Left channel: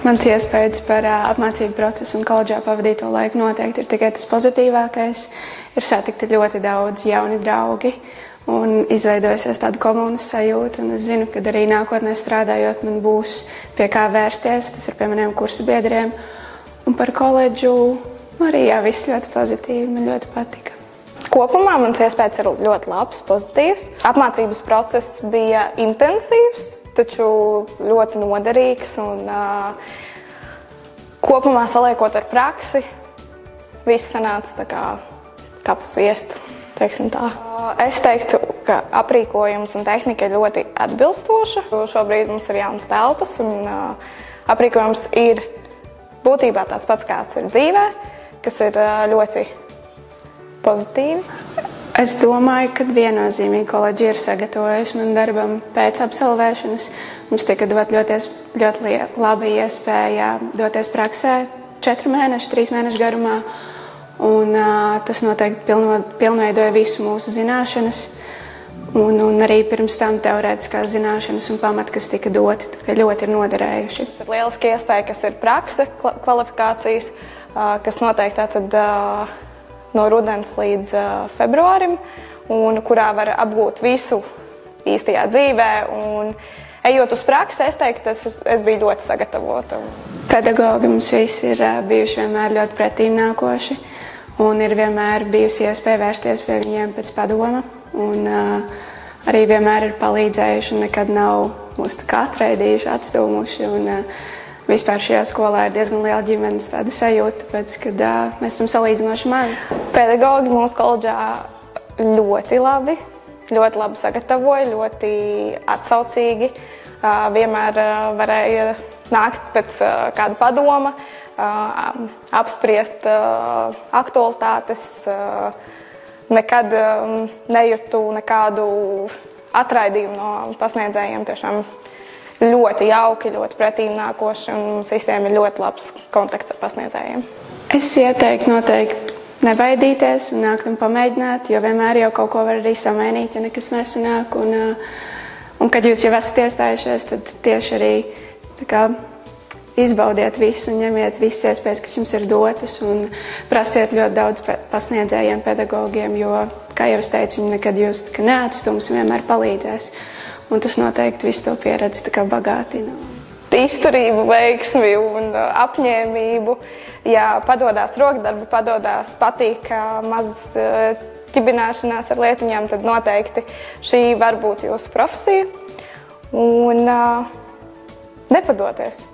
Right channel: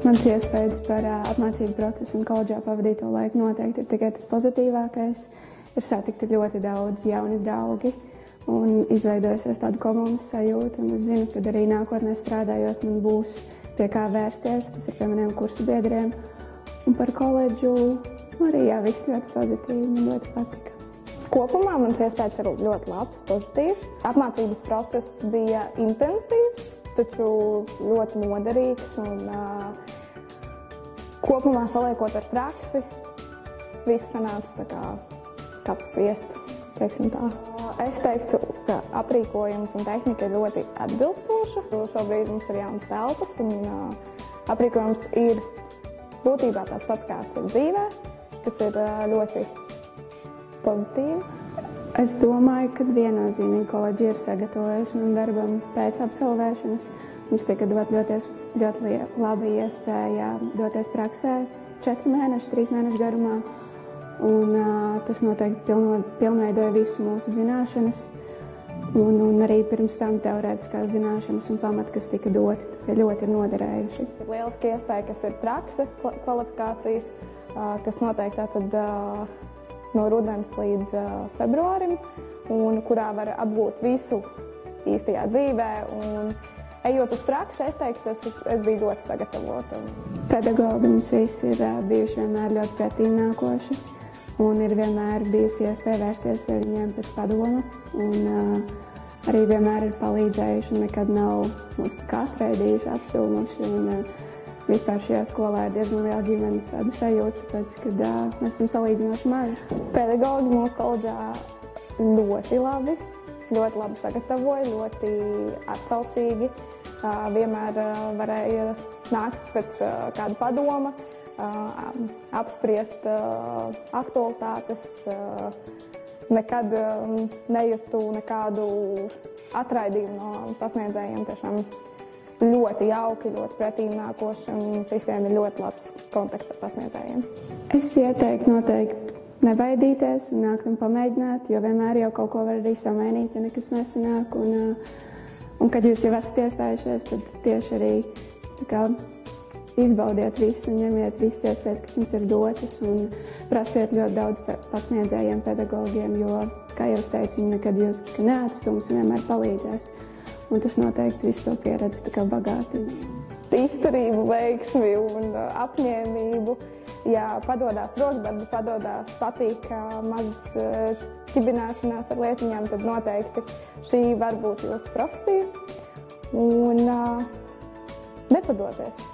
Mans iespējas par apmācību procesu un koledžā pavadīto laiku noteikti ir tikai tas pozitīvākais. Ir satikti ļoti daudz jauni draugi un izveidojusies tāda komunas sajūta. Un es zinu, ka arī nākotnē strādājot man būs pie kā vērsties. Tas ir pie maniem kursa biedriem. Un par koledžu arī viss ļoti pozitīvi. Man ļoti patika. Kopumā mans iespējas ir ļoti labs, pozitīvs. Apmācības process bija intensīvs, taču ļoti noderīgs. Un, kopumā saliekot ar praksi, viss sanāca kā pa sviestu, teiksim tā. Es teiktu, ka aprīkojums un tehnika ir ļoti atbilstoša. Šobrīd mums ir jaunas telpas un aprīkojums ir būtībā tāds pats, kāds ir dzīvē, kas ir ļoti pozitīvi. Es domāju, ka viennozīmīgi koledža ir sagatavojusi man darbam pēc absolvēšanas. Mums tika dot ļoti laba iespēja doties praksē 4 mēnešu, 3 mēnešu garumā. Un, tas noteikti pilnveidoja visu mūsu zināšanas. Un arī pirms tam teorētiskās zināšanas un pamati, kas tika doti, ļoti ir noderējuši. Tas ir lieliski iespēja, kas ir prakse, kvalifikācijas, kas noteikti tātad no rudens līdz februārim, un kurā var apgūt visu īstajā dzīvē. Un, ejot uz praksi, es teiktu, es biju ļoti sagatavota. Pedagogi mums visi ir bijuši vienmēr ļoti pretīmnākoši, un ir vienmēr bijusi iespēja vērsties pie viņiem pēc padoma. Un, arī vienmēr ir palīdzējuši un nekad nav mūs atraidījuši, atstūmuši. Un, vispār šajā skolā ir diezgan liela ģimenes sajūta, tāpēc, kad mēs esam salīdzinoši mazi. Pedagogi mūsu koledžā ļoti labi sagatavoja, ļoti atsaucīgi. Vienmēr varēja nākt pēc kāda padoma, apspriest aktualitātes. Nekad nejūtu nekādu atraidījumu no pasniedzējiem. Tiešām ļoti jauki, ļoti pretīmnākoši, un mums visiem ir ļoti labs kontakts ar pasniedzējiem. Es ieteiktu noteikti nebaidīties un nākt un pamēģināt, jo vienmēr jau kaut ko var arī samainīt, ja nekas nesanāk. Un kad jūs jau esat iestājušies, tad tieši arī izbaudiet visu un ņemiet visas iespējas, kas jums ir dotas, un prasiet ļoti daudz pasniedzējiem, pedagogiem, jo, kā jau es teicu, viņi nekad jūs neatstums un vienmēr palīdzēs. Un tas noteikti visu to pieredzi bagātina. Izturību, veiksmi un apņēmību. Ja padodās rokdarbi, patīk mazas ķibināšanās ar lietiņām, tad noteikti šī var būt jūsu profesija. Un nepadoties.